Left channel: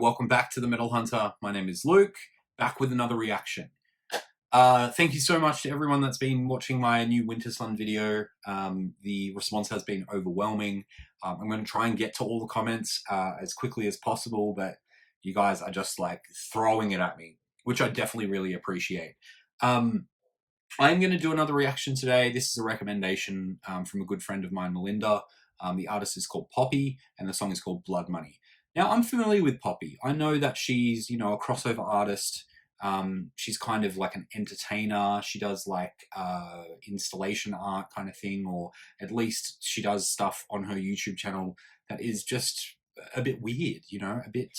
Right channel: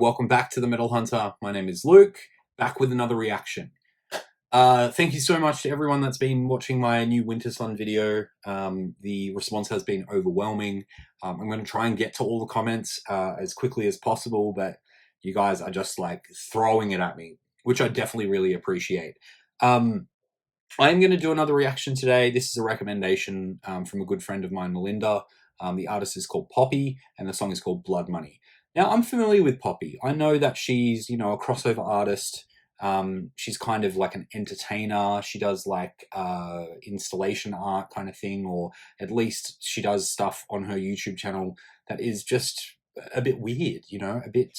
welcome back to the Metal Hunter. My name is Luke, back with another reaction. Thank you so much to everyone that's been watching my new Winter Sun video. The response has been overwhelming. I'm going to try and get to all the comments as quickly as possible, but you guys are just like throwing it at me, which I definitely really appreciate. I'm going to do another reaction today. This is a recommendation from a good friend of mine, Melinda. The artist is called Poppy, and the song is called Blood Money. Now, I'm familiar with Poppy. I know that she's, a crossover artist. She's kind of like an entertainer. She does like installation art kind of thing, or at least she does stuff on her YouTube channel that is just a bit weird, a bit,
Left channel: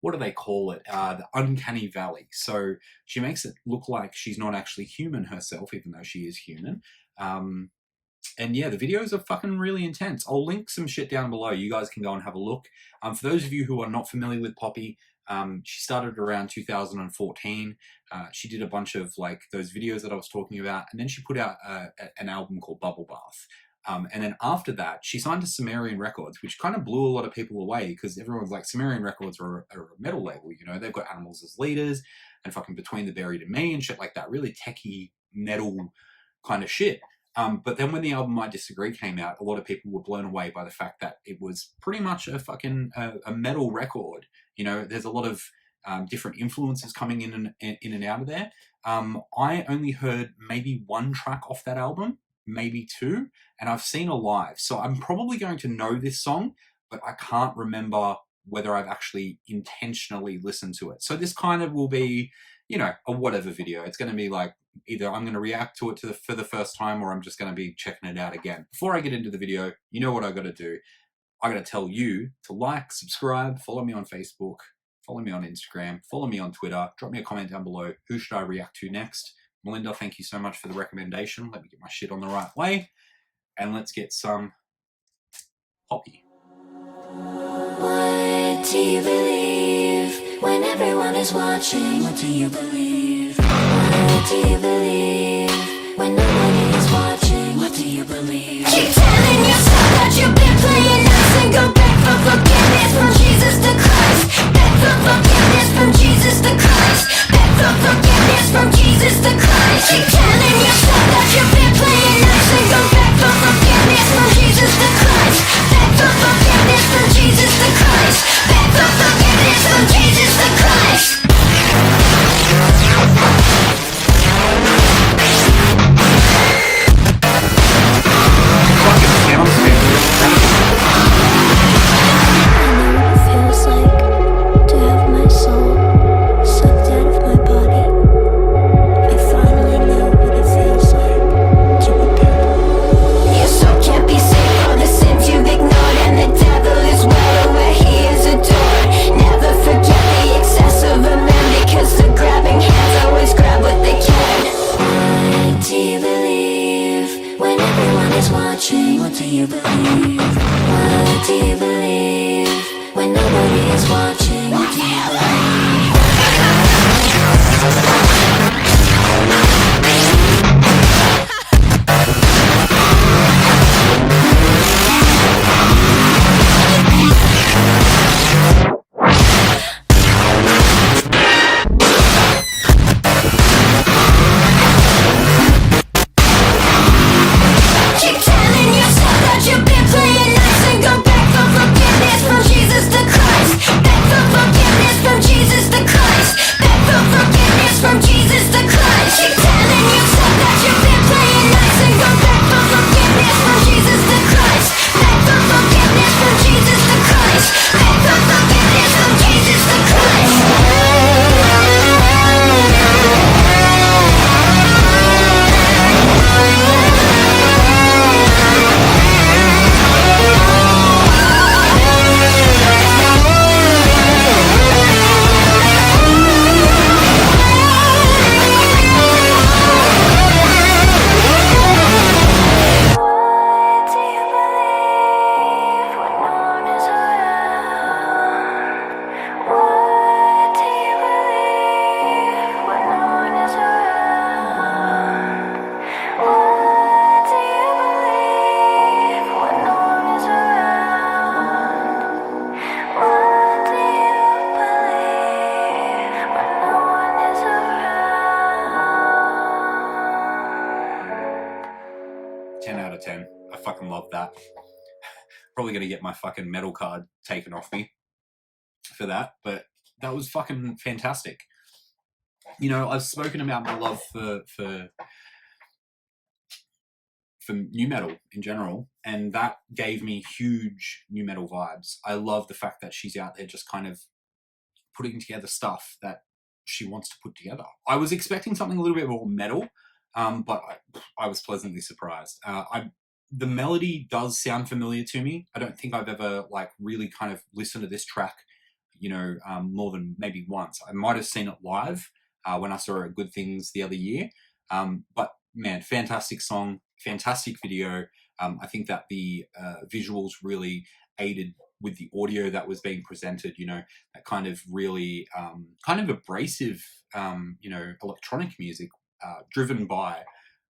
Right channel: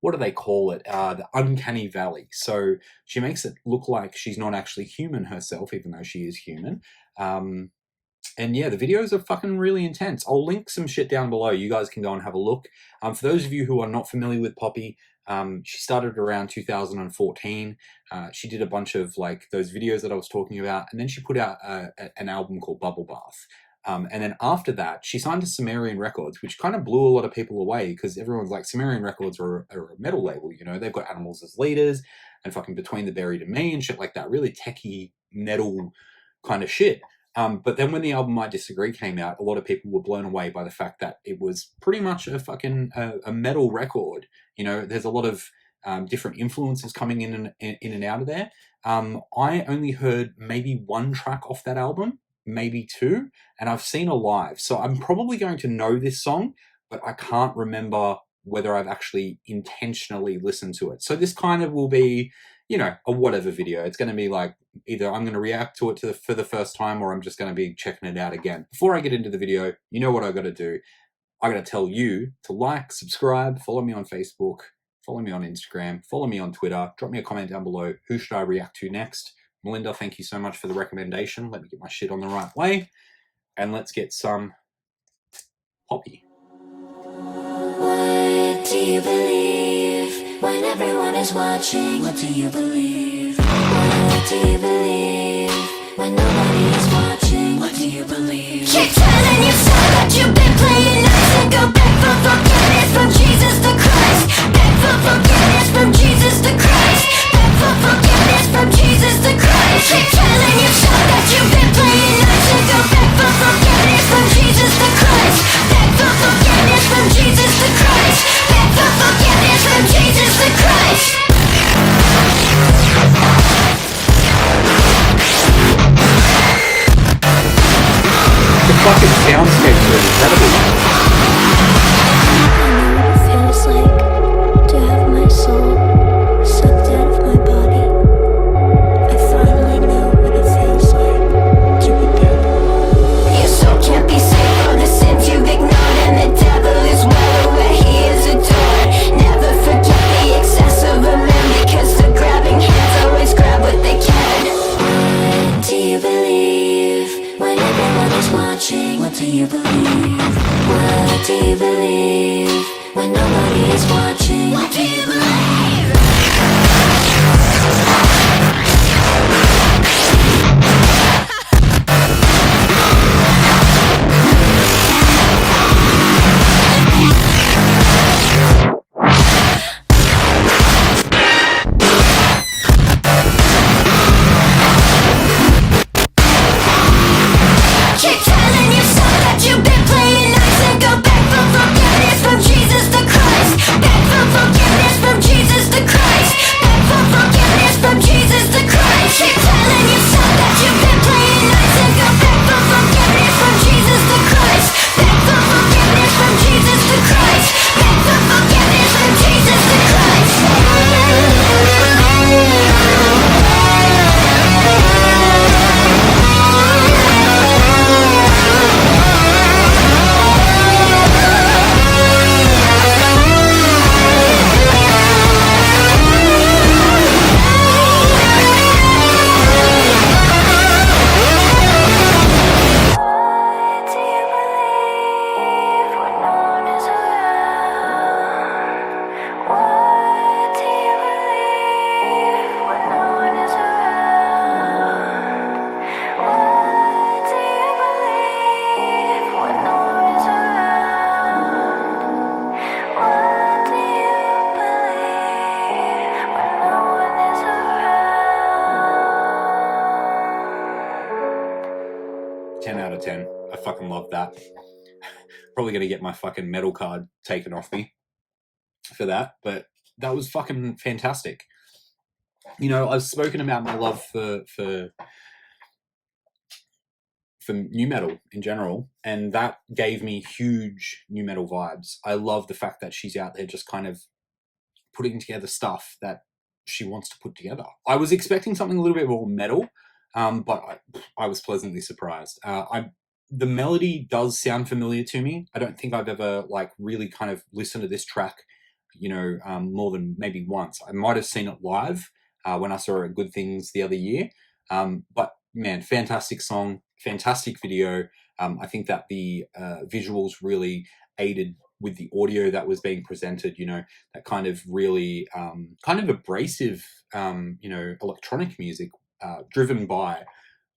what do they call it? The uncanny valley. So she makes it look like she's not actually human herself, even though she is human. And yeah, the videos are fucking really intense. I'll link some shit down below. You guys can go and have a look. For those of you who are not familiar with Poppy, she started around 2014. She did a bunch of like those videos that I was talking about, and then she put out an album called Bubble Bath. And then after that, she signed to Sumerian Records, which kind of blew a lot of people away because everyone's like, Sumerian Records are a metal label, they've got Animals as leaders and fucking Between the Buried and Me and shit like that, really techie metal kind of shit. But then when the album I Disagree came out, a lot of people were blown away by the fact that it was pretty much a fucking a metal record. There's a lot of different influences coming in and out of there. I only heard maybe one track off that album, maybe two, and I've seen her live. So I'm probably going to know this song, but I can't remember whether I've actually intentionally listened to it. So this kind of will be, a whatever video. It's going to be like, either I'm going to react to it for the first time, or I'm just going to be checking it out again. Before I get into the video, you know what I got to do. I got to tell you to like, subscribe, follow me on Facebook, follow me on Instagram, follow me on Twitter, drop me a comment down below. Who should I react to next? Melinda, thank you so much for the recommendation. Let me get my shit on the right way. And let's get some Poppy. What do you believe when everyone is watching? What do you believe? What do you believe when nobody is watching? What do you believe? Keep telling yourself that you've been playing nice and go beg for forgiveness from Jesus the Christ. Beg for forgiveness from Jesus the Christ. Beg for forgiveness from Jesus the Christ. Keep telling yourself that you've been playing nice and go beg for forgiveness from Jesus the Christ. Beg for forgiveness from Jesus the Christ. Beg for forgiveness from Jesus the Christ. The fucking soundscape really I know what it feels like to have my soul Probably going to get my fucking metal card taken off me for that, but that was fucking fantastic. You know, I've spoken about my love for new metal in general, and that gave me huge new metal vibes. I love the fact that she's out there just kind of putting together stuff that she wants to put together. I was expecting something a little bit more metal, but I was pleasantly surprised. The melody does sound familiar to me. I don't think I've ever like really kind of listened to this track, you know, more than maybe once. I might have seen it live when I saw it at Good Things the other year. But man, fantastic song, fantastic video. I think that the visuals really aided with the audio that was being presented, you know, that kind of really kind of abrasive, you know, electronic music driven by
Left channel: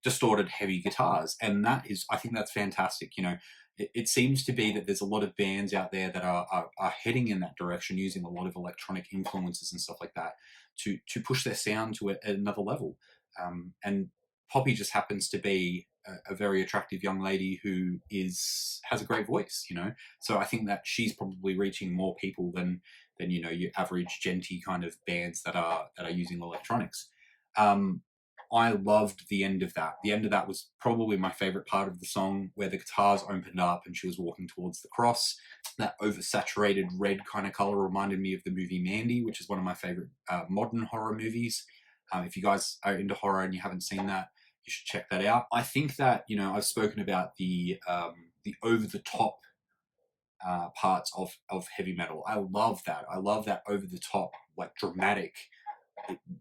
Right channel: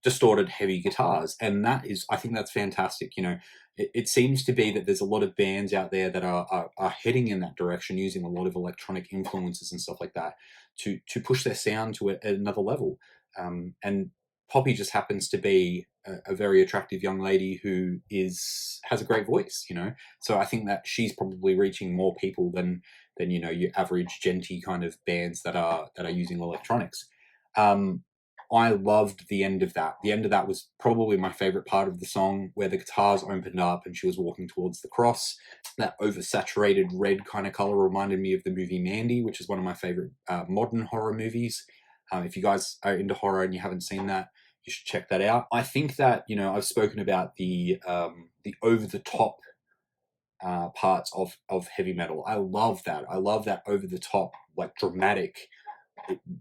distorted heavy guitars. And that is, I think that's fantastic. You know, it seems to be that there's a lot of bands out there that are heading in that direction, using a lot of electronic influences and stuff like that to push their sound to another level. And Poppy just happens to be a very attractive young lady who has a great voice, you know. So I think that she's probably reaching more people than you know your average genty kind of bands that are using electronics. I loved the end of that. The end of that was probably my favorite part of the song, where the guitars opened up and she was walking towards the cross. That oversaturated red kind of color reminded me of the movie Mandy, which is one of my favorite modern horror movies. If you guys are into horror and you haven't seen that, you should check that out. I think that, you know, I've spoken about the over the top parts of heavy metal. I love that. I love that over the top, like dramatic,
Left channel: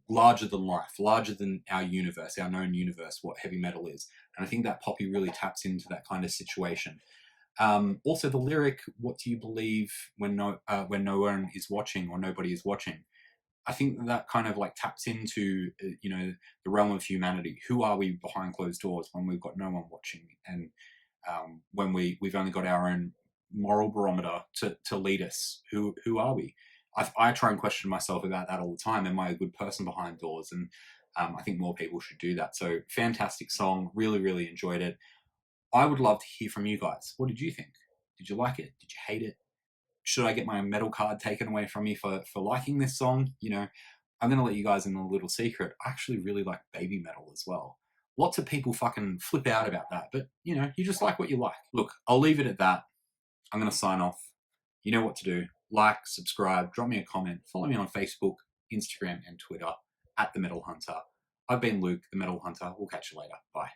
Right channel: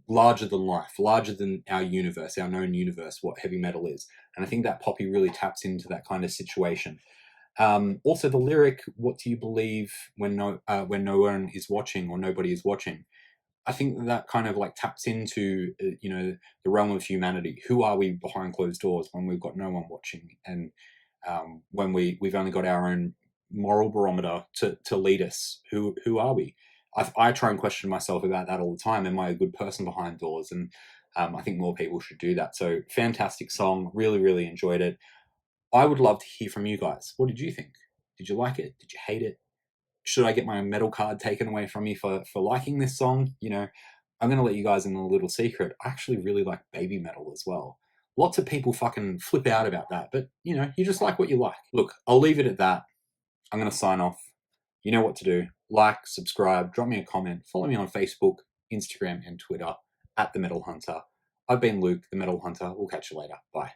larger than life, larger than our universe, our known universe, what heavy metal is. And I think that Poppy really taps into that kind of situation. Also, the lyric, "What do you believe when no one is watching or nobody is watching?" I think that kind of like taps into you know, the realm of humanity. Who are we behind closed doors when we've got no one watching, and when we've only got our own moral barometer to lead us? Who are we? I try and question myself about that all the time. Am I a good person behind doors? And I think more people should do that. So fantastic song. Really, really enjoyed it. I would love to hear from you guys. What did you think? Did you like it? Did you hate it? Should I get my metal card taken away from me for liking this song? You know, I'm going to let you guys in a little secret. I actually really like baby metal as well. Lots of people fucking flip out about that, but you know, you just like what you like. Look, I'll leave it at that. I'm going to sign off. You know what to do. Like, subscribe, drop me a comment, follow me on Facebook, Instagram, and Twitter at The Metal Hunter. I've been Luke, The Metal Hunter. We'll catch you later. Bye.